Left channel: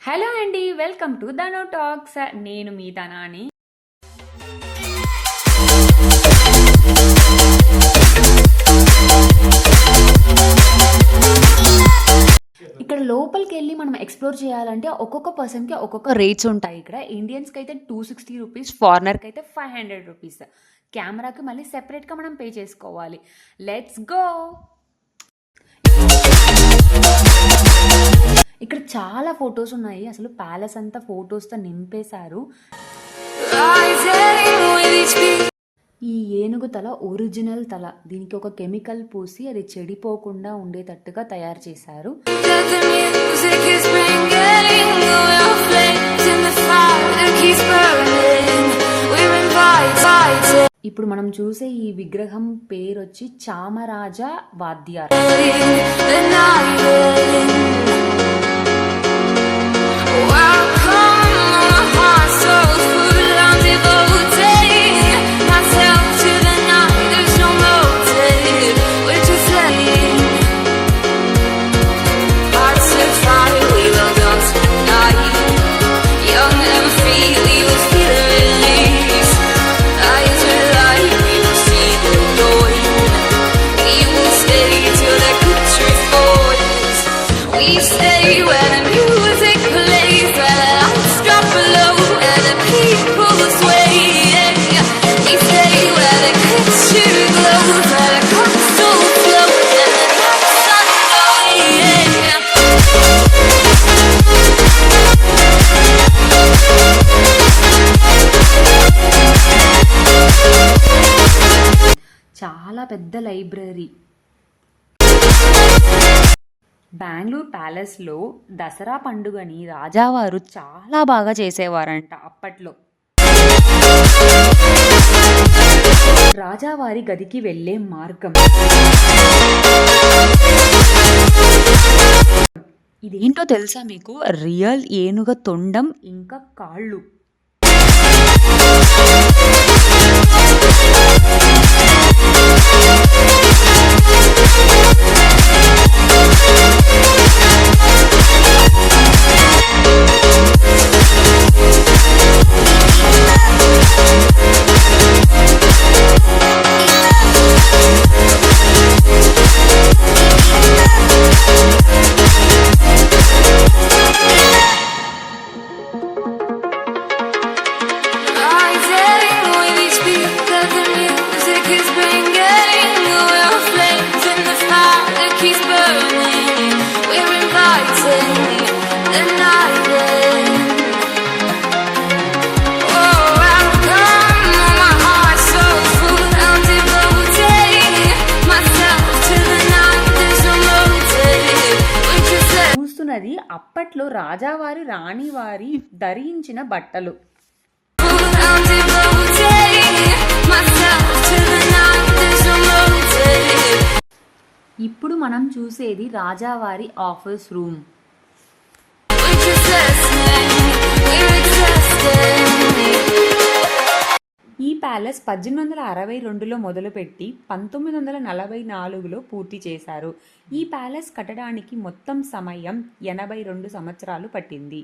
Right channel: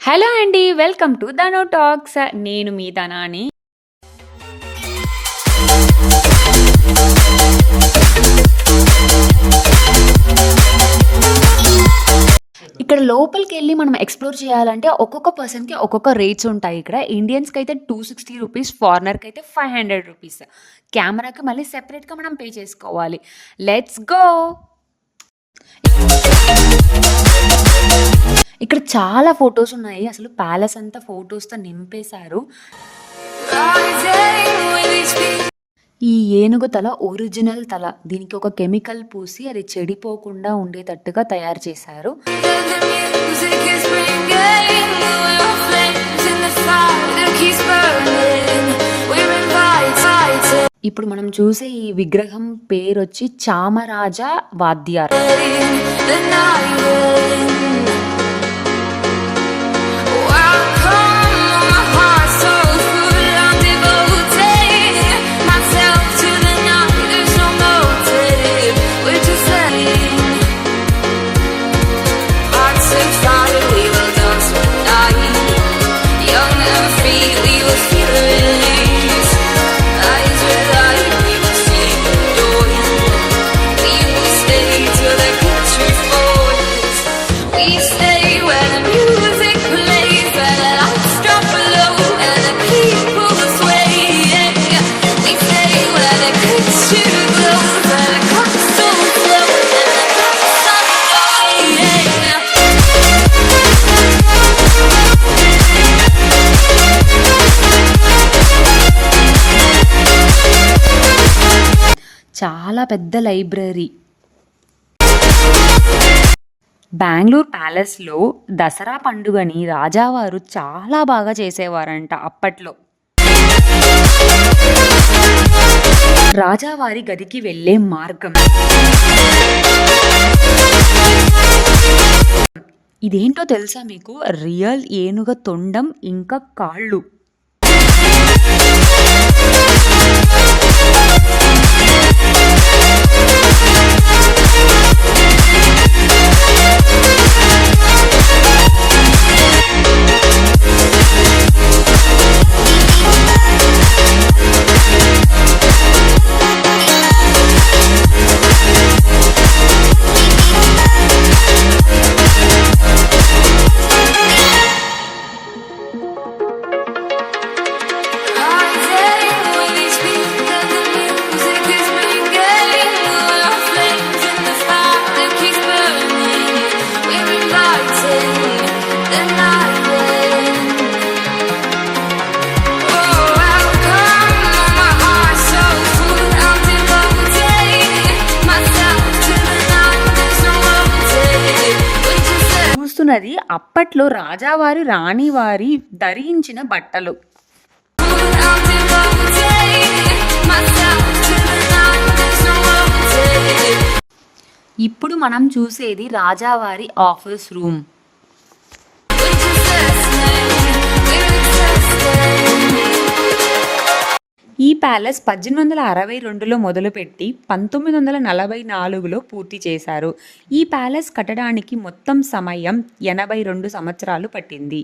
హలో అండి. Welcome to ధను టాక్స్. నేను మీ ధనాని. ఇక్కడ లోపలికెళ్ళి మనం ఎక్స్‌ప్లోర్ చేయాలంటే ఒక్కొక్క పర్సన్‌కి ఒక్కొక్క రేట్స్ ఉంటాయి ఇక్కడ. ఇండియన్స్‌కైతే రూ. 260, ఫారినర్‌కైతే రూ. 500. కెమెరాకి మళ్ళీ సెపరేట్‌గా మనం పే చేసుకోవాలి. Let's go! ఇక్కడ చాలా ఫోటోస్ ఉన్నాయి. అసలు ప్యాలెస్ అంతా ఫోటోస్‌తో నింపేశారు. ఈ ఏనుగు తల ఒరిజినల్ తల. దీనికి ఒక కెమికల్ పూసి అది చెడిపోకుండా ఉండేటట్టుగా తయారు చేశారు. ఇప్పుడు మనం చూసే ఈ విగ్రహం పేరొచ్చి చామరాజ వాద్యార్. చాలా పెద్ద లైబ్రరీ. బెంగళూరు ప్యాలెస్లో దసరా పండుగని రాజావారు చాలా బాగా చేసేవారంట అప్పట్లో. రాజావారి గదికి వెళ్ళే మార్గం ఇదేంటో తెలుసా మీకు? రియల్ ఏనుగ తొండం ఇంకా కాళ్ళు. చూస్తున్నది అప్పట్లో రాజావారి రాణివారి ధరించిన బట్టలు. ఇప్పుడు మనం చూసేది రాజావారి ఆఫీస్ రూమ్. ఈ ప్యాలెస్ 1862లో మొదలుపెట్టి 1944లో పూర్తి చేశారు. ఈ ప్యాలెస్ కట్టడానికి మొత్తం సమయం 82 సంవత్సరాలు పట్టింది.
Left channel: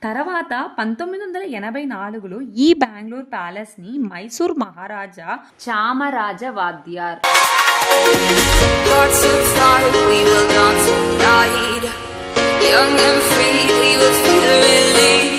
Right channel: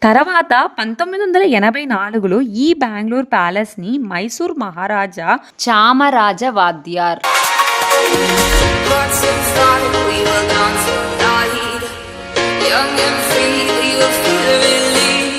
తర్వాత 1984లో ఈ బెంగళూరు ప్యాలెస్ని మైసూర్ మహారాజా చామరాజ వాద్యార్ young and free, we will feel release.